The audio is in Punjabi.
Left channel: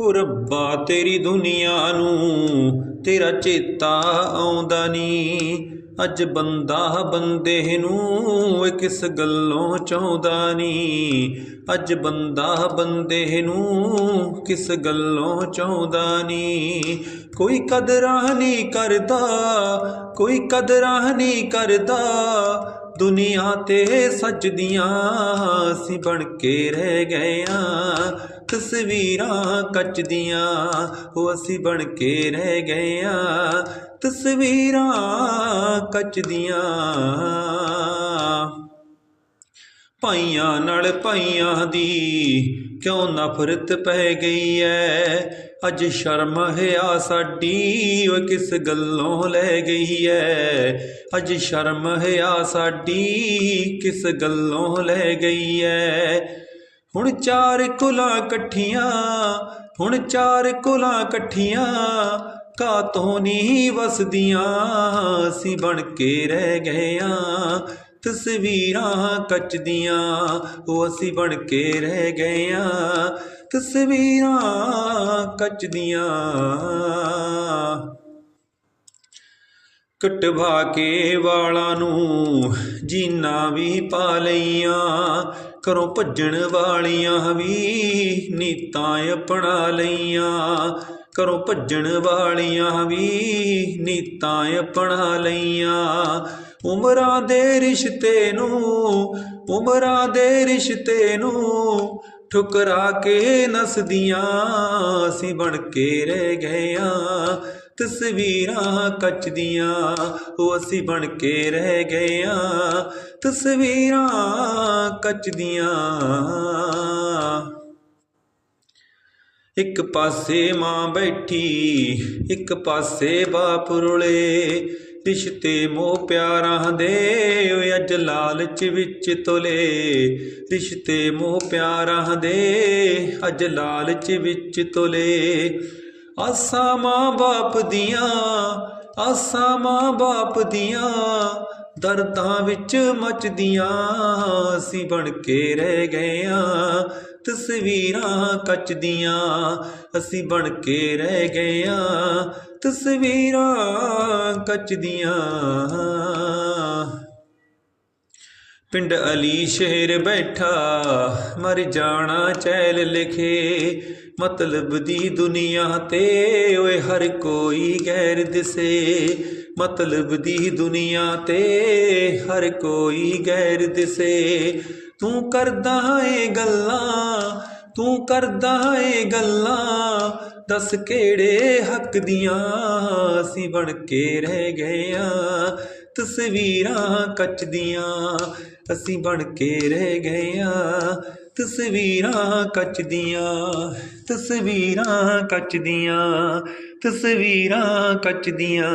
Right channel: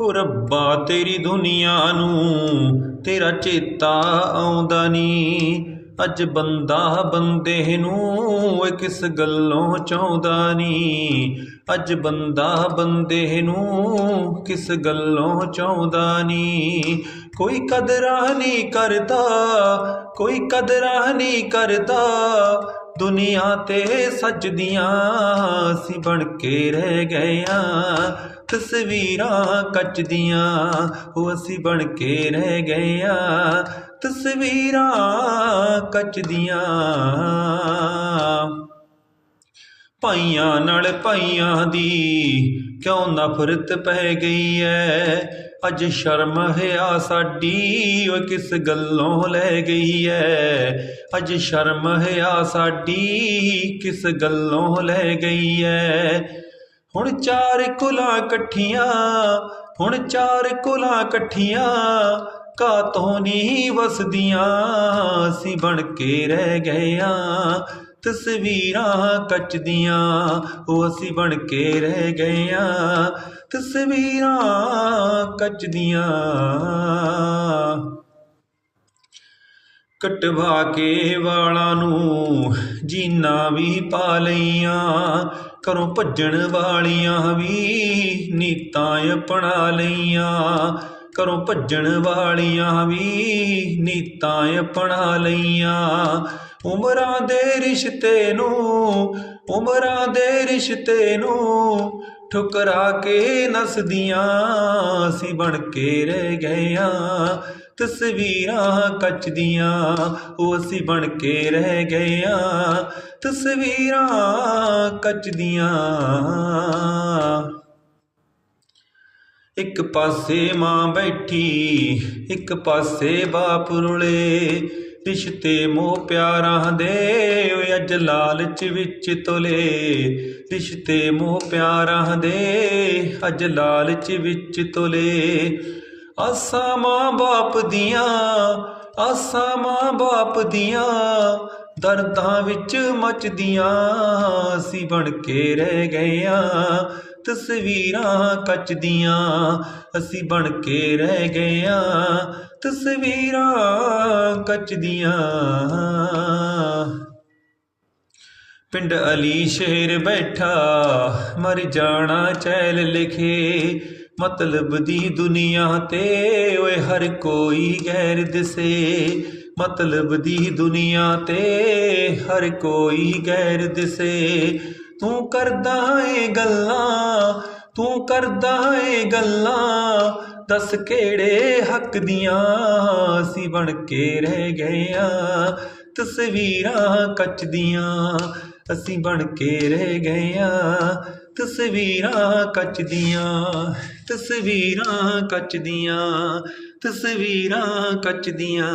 ਓ ਰੱਬਾ, ਤੇਰੀ ਦੁਨੀਆ ਨੂੰ ਤੇਰਾ ਚੇਤਾ ਆਉਂਦਾ ਨੀ। ਅੱਜ ਬੰਦਾ ਬੰਦੇ ਨੂੰ ਕਿਸ ਗੱਲੋਂ ਚਾਹੁੰਦਾ ਨੀ। ਅੱਜ ਬੰਦਾ ਬੰਦੇ ਨੂੰ ਕਿਸ ਗੱਲੋਂ ਚਾਹੁੰਦਾ ਨੀ। ਕੋਈ ਕਦਰਾਂ ਨਹੀਂ ਕਰਦਾ, ਕੋਈ ਕਦਰਾਂ ਨਹੀਂ ਕਰਦਾ। ਦੁਨੀਆ ਤੇ ਸੱਜਦੀਆਂ ਅਸੀਂ ਬਣ ਕੇ ਰਹਿ ਗਏ ਆਂ। ਤਸਵੀਰਾਂ ਕੱਚ ਦੀਆਂ ਉਹ ਅਸੀਂ ਬਣ ਕੇ ਰਹਿ ਗਏ ਆਂ। ਤਸਵੀਰਾਂ ਕੱਚ ਦੀਆਂ ਭਾਈਆਂ ਨਾਲ ਪਾਈਆਂ ਦੀ ਕਿਉਂ ਨਫ਼ਰਤ ਪੈ ਗਈ ਐ? ਅੱਜ ਸ਼ਰਮ ਹਿਆ ਸਾਡੀ ਓ ਕਿਸ ਗੱਲੋਂ ਲੈ ਗਈ ਐ? ਅੱਜ ਸ਼ਰਮ ਹਿਆ ਸਾਡੀ, ਕਿਸ ਗੱਲੋਂ ਲੈ ਗਈ ਐ? ਹੁਣ ਚਾਰ ਕੁਲਾਂ ਇਕੱਠੀਆਂ, ਹੁਣ ਚਾਰ ਕੁਲਾਂ ਇਕੱਠੀਆਂ, ਕਾਤੋਂ ਨਹੀਂ ਵਸਦੀਆਂ, ਅਸੀਂ ਬਣ ਕੇ ਰਹਿ ਗਏ ਆਂ। ਤਸਵੀਰਾਂ ਕੱਚ ਦੀਆਂ ਉਹ ਅਸੀਂ ਬਣ ਕੇ ਰਹਿ ਗਏ ਆਂ। ਤਸਵੀਰਾਂ ਕੱਚ ਦੀਆਂ ਕਟਵਾ ਕੇ ਵਾਲਾਂ ਨੂੰ ਜੀਨਾ ਵੀ ਪਾ ਲਈਆਂ, ਘਰੋਂ ਭੱਜਣ ਵਾਲੀਆਂ ਵੀ ਨੀਤਾਂ ਅਪਣਾ ਲਈਆਂ। ਘਰੋਂ ਭੱਜਣ ਵਾਲੀਆਂ ਵੀ ਨੀਤਾਂ ਅਪਣਾ ਲਈਆਂ। ਉਮਰਾਂ ਦੇ ਰਿਸ਼ਤੇ ਨੂੰ, ਉਮਰਾਂ ਦੇ ਰਿਸ਼ਤੇ ਨੂੰ ਠੁਕਰਾ ਕੇ ਨਸਦੀਆਂ ਅਸੀਂ ਬਣ ਕੇ ਰਹਿ ਗਏ ਤਸਵੀਰਾਂ ਕੱਚ ਦੀਆਂ ਉਹ ਅਸੀਂ ਬਣ ਕੇ ਰਹਿ ਗਏ ਆਂ ਤਸਵੀਰਾਂ ਕੱਚ ਦੀਆਂ ਇੱਕ ਪਾਸੇ ਮਾਂ ਬੈਠੀ, ਇੱਕ ਪਾਸੇ ਬਾਪ ਰੁਲੇ। ਰਿਸ਼ਤੇ ਮੋਹ ਪਿਆਰਾਂ ਦੇ ਓਏ ਅੱਜ ਲਾਲਚ ਵਿੱਚ ਤੁਲੇ। ਰਿਸ਼ਤੇ ਮੋਹ ਪਿਆਰਾਂ ਦੇ ਅੱਜ ਲਾਲਚ ਵਿੱਚ ਤੁਲੇ। ਆਸਾਂ ਮਾਂ ਬਾਪ ਦੀਆਂ, ਆਸਾਂ ਮਾਂ ਬਾਪ ਦੀਆਂ ਦਰਦਾਂ ਵਿੱਚ ਮਚਦੀਆਂ। ਅਸੀਂ ਬਣ ਕੇ ਰਹਿ ਗਏ ਆਂ ਤਸਵੀਰਾਂ ਕੱਚ ਦੀਆਂ ਅਸੀਂ ਬਣ ਕੇ ਰਹਿ ਗਏ ਆਂ। ਤਸਵੀਰਾਂ ਕੱਚ ਦੀਆਂ। ਪਿੰਡ ਅਲੀ ਸ਼ਹਿਰ ਬੈਠਾ, ਮਰ ਜਾਣਾ ਚੈਲ ਲਿਖੇ। ਮਤਲਬ ਦੀ ਦੁਨੀਆ ਤੇ ਓਏ ਹਰ ਕੋਈ ਗੈਰ ਦਿਸੇ। ਮਤਲਬ ਦੀ ਦੁਨੀਆ ਤੇ ਹਰ ਕੋਈ ਗੈਰ ਦਿਸੇ। ਤੂੰ ਕਰਦਾ ਏ ਗੱਲਾਂ, ਤੂੰ ਕਰਦਾ ਏ ਗੱਲਾਂ, ਦੱਸ ਕਿਹੜੇ ਹੱਕ ਦੀਆਂ ਅਸੀਂ ਬਣ ਕੇ ਰਹਿ ਗਏ ਆਂ, ਤਸਵੀਰਾਂ ਕੱਚ ਦੀਆਂ ਅਸੀਂ ਬਣ ਕੇ ਰਹਿ ਗਏ ਆਂ, ਤਸਵੀਰਾਂ ਕੱਚ ਦੀਆਂ, ਤਸਵੀਰਾਂ ਕੱਚ ਦੀਆਂ, ਤਸਵੀਰਾਂ ਕੱਚ ਦੀਆਂ।